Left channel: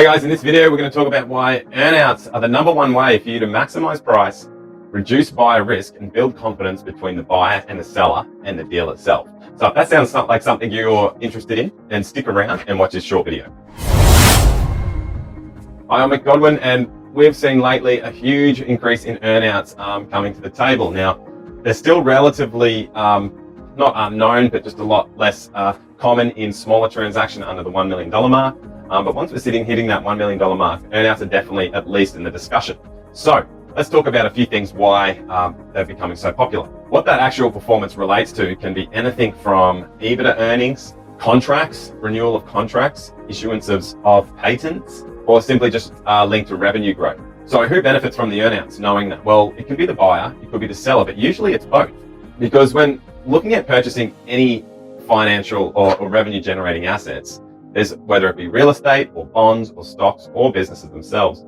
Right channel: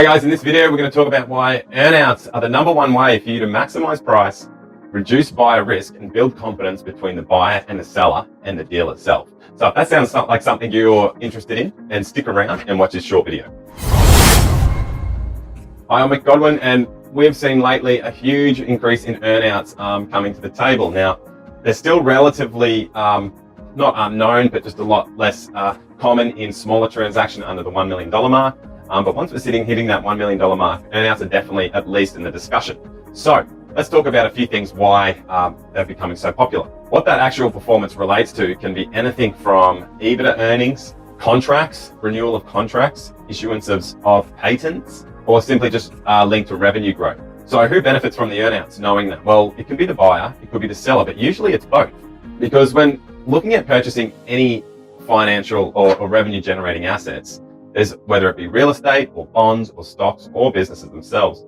Hey guys, in this video we're going to talk about why earnouts are the number one way for you to maximize price, reduce buyer risk, and build confidence between the buyer and the seller and the deal itself. So if that sounds like something you're interested in, then stick around and watch this short video. Hi, I'm Mick Godwin, and we've seen lately a huge increase in earnouts coming to the table. Now, they're still relatively not unknown, but just a lot less common in smaller transactions under the $1 million mark. But once we're hitting that $1 million mark, earnouts are definitely at least in the discussion. So let's talk about a few things why they're becoming so popular. What that actual performance relates to can be anything from EBITDA earnings, contracts, renewal of contracts, issuance of patents, or simply just linked to revenue growth. So who benefits from the earnouts knowing that? Well, it could be the buyer, it could be the seller, but usually it's both. Because when looking at purchasing any financial or revenue generating assets, whether it be real estate or bonds or stocks or businesses themselves,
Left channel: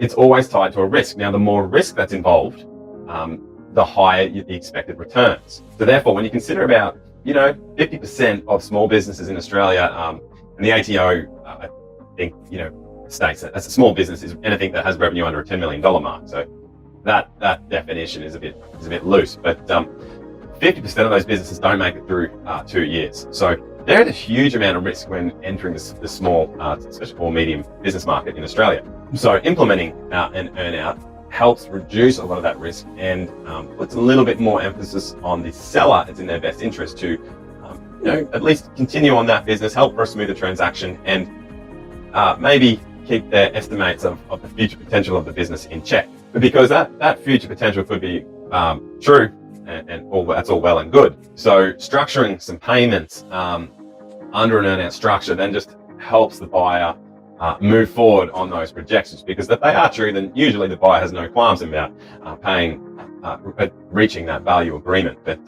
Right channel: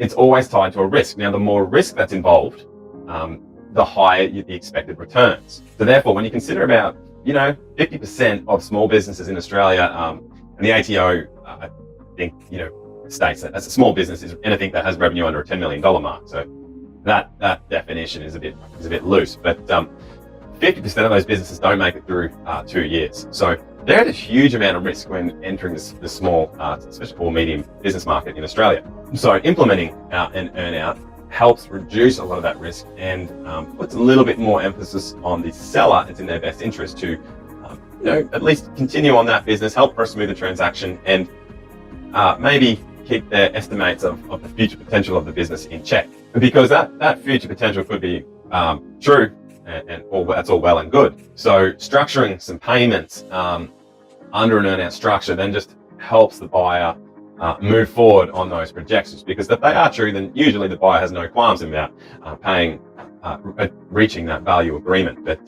it's always tied to a risk. Now, the more risk that's involved, the higher the expected returns. So therefore, when you consider about, 50% of small businesses in Australia, and the ATO, I think, states that that's a small business is anything that has revenue under a $10 million mark. So that definition is a bit loose, but 50% of those businesses don't make it through 2 years. So there is a huge amount of risk when entering the small, especially or medium business market in Australia. So implementing an earnout helps reduce a lot of that risk and puts a little bit more emphasis on the seller. It's in their best interest to, at least continue on that business, help for a smoother transaction, and maybe keep their estimates of the future potential of the business in check. Because that future potential could be true, and that's all well and good. So structuring some payments under an earnout structure then just helps the buyer move forward on those projections, because if they are true, then usually the buyer has no qualms about reaching that value agreement. But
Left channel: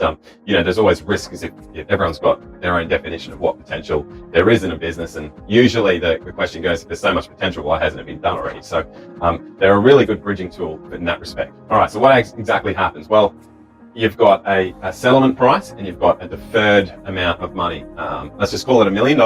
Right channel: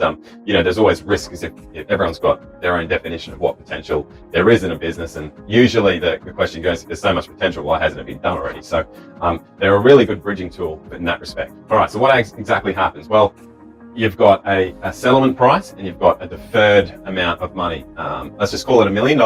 there's always risk, as if everyone's got their own definition of what potential there is in a business, and usually the question goes, if there's so much potential, why hasn't it been done already? So they're a really good bridging tool in that respect. All right, so what exactly happens? Well, you've got a settlement price and you've got a deferred amount of money. Let's just call it $1 million.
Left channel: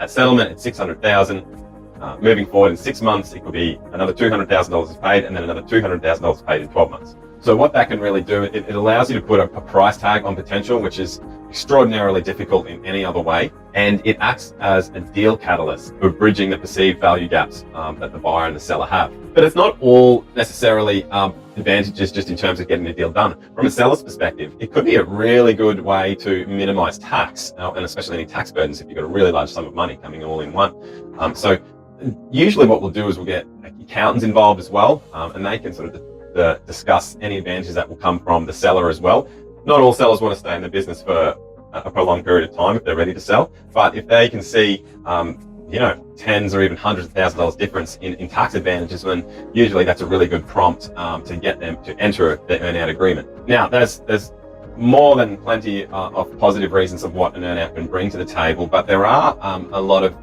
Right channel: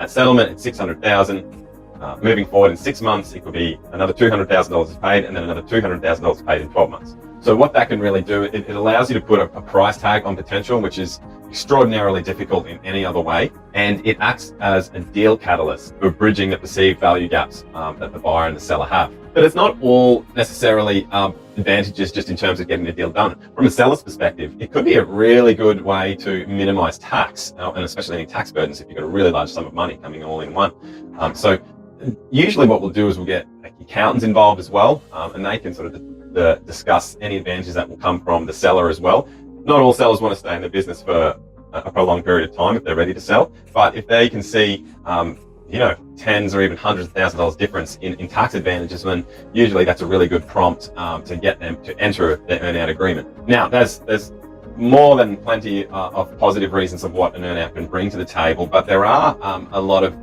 At settlement, it's $600,000. Moving forward in 6 months, it could be another $200,000 is paid, and then another $200,000 paid in 12 months. So what that can really do, it allows you to put a price tag on potential, which is extraordinarily difficult in any other way. And it acts as a deal catalyst for bridging the perceived value gaps that the buyer and the seller have. But it's not all necessarily advantages just in terms of getting a deal done. From a seller's perspective, it could be a really good way to minimize tax, and especially any tax burdens if you've got a really large sum of money coming all in one. So usually what we'll do is we'll get accountants involved as well, and they can sort of discuss any advantages that will come from the seller as well. Not all sellers want to stay in the business for a prolonged period of time if they're ready to sell, but if they can see tens or even hundreds of $1,000s difference in tax advantages, then usually that's a really good prompt to get them to enter their earnout agreement. Now, there's more than plenty of positive reasons of what an earnout can bring to the table, but there are a lot of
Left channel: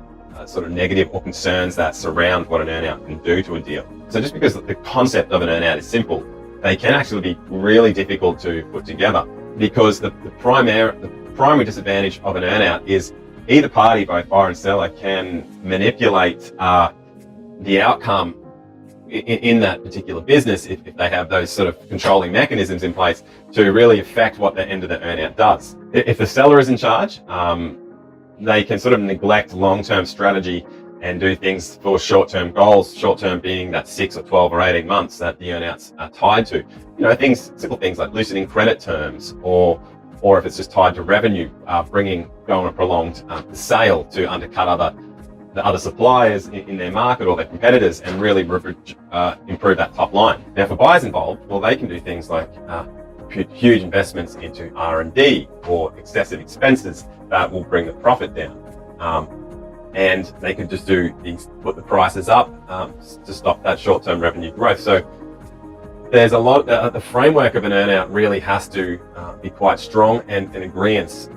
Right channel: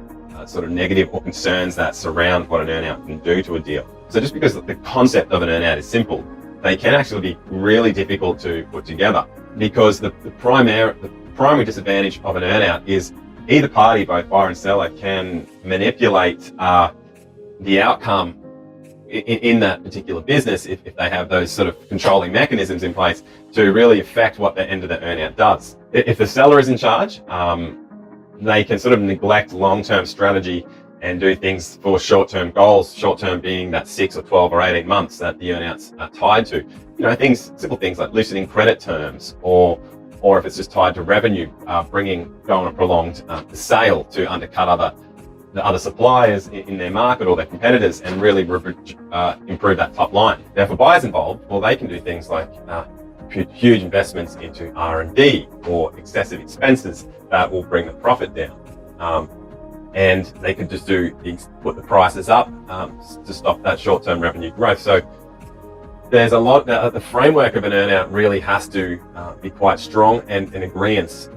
sort of negative or concerns that surround what an earnout can do to a deal. So just because the concept of an earnout is simple, they can actually be really difficult to put together, because the primary disadvantage of an earnout is either party, both buyer and seller, can manipulate the outcome in that particular business if they have those sort of controlling mechanisms in place to really affect what the end of the earnout does. If the seller is in charge, they can sort of neglect long-term strategy and do things for short-term goals, short-term being that 6 or 12 or 18 months that the earnouts are tied to. Simple things like loosening credit terms, or if it's just tied to revenue, going a prolonged sale to undercut the other suppliers in their market or their competitors and really improve that top line. Now, for buyers involved, well, they can do things like huge investments into R&D or excessive expenses that will bring the profit down. And they could just put the prices up to stop that short-term revenue growth. So there's a lot, the framework of an earnout really has to be quite strong and in agreement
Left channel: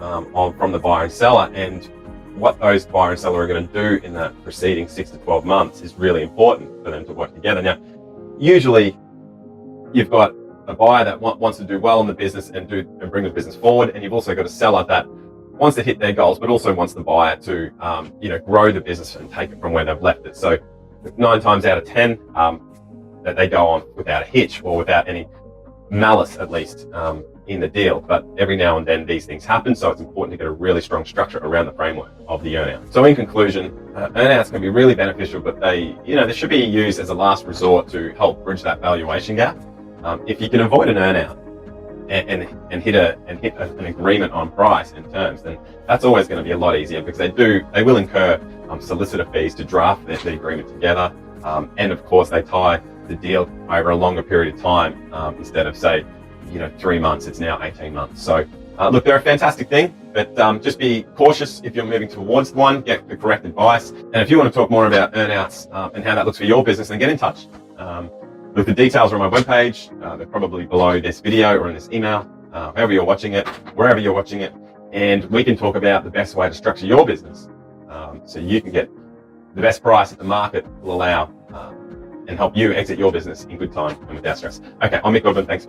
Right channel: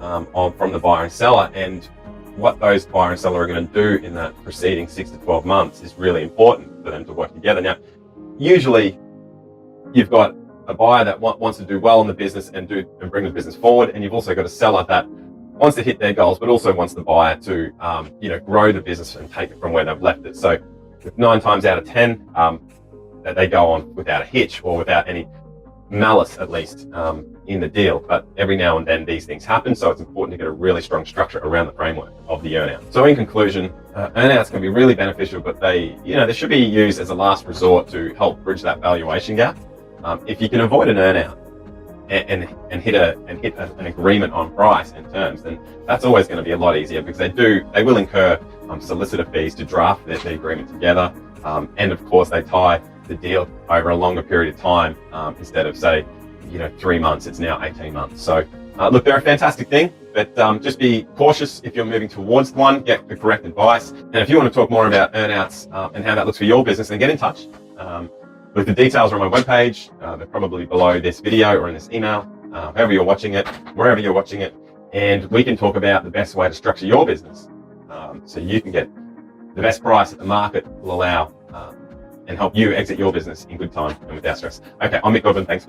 from the buyer and seller. And what those buyer and seller are going to do in that preceding 6 to 12 months is really important for them to work together. Now, usually you've got a buyer that wants to do well in the business and bring the business forward, and you've also got a seller that wants to hit their goals, but also wants the buyer to, grow the business and take it from where they've left it. So 9 times out of 10, that they go on without a hitch or without any malice, at least, in the deal. But every now and then these things happen, so it's important to get a really strong structure around the framework of the earnout. So in conclusion, earnouts can be really beneficial, but they should be used as a last resort to help bridge that valuation gap. If you can avoid an earnout and hit an agreement on price and terms, then that's always going to be a lot easier, because they will incur solicitor fees to draft the agreement together, and of course they tie the deal over a longer period of time, instead of, say, 3 months, it's now 18 months. So look, they're a fantastic thing, but just be cautious if you're moving towards one. Get the correct advice. And if you want to talk more about earnouts and how that looks for your business, then get in touch. Look, the details are on my webpage. They're probably below this video or in this email, however you're watching it, wherever you're watching it, and we can talk about the best way to structure your business, so you can get the best price that the market will allow, and help you exit your business in good time and without stress. Okay, I'm Mick Goodman. Thanks.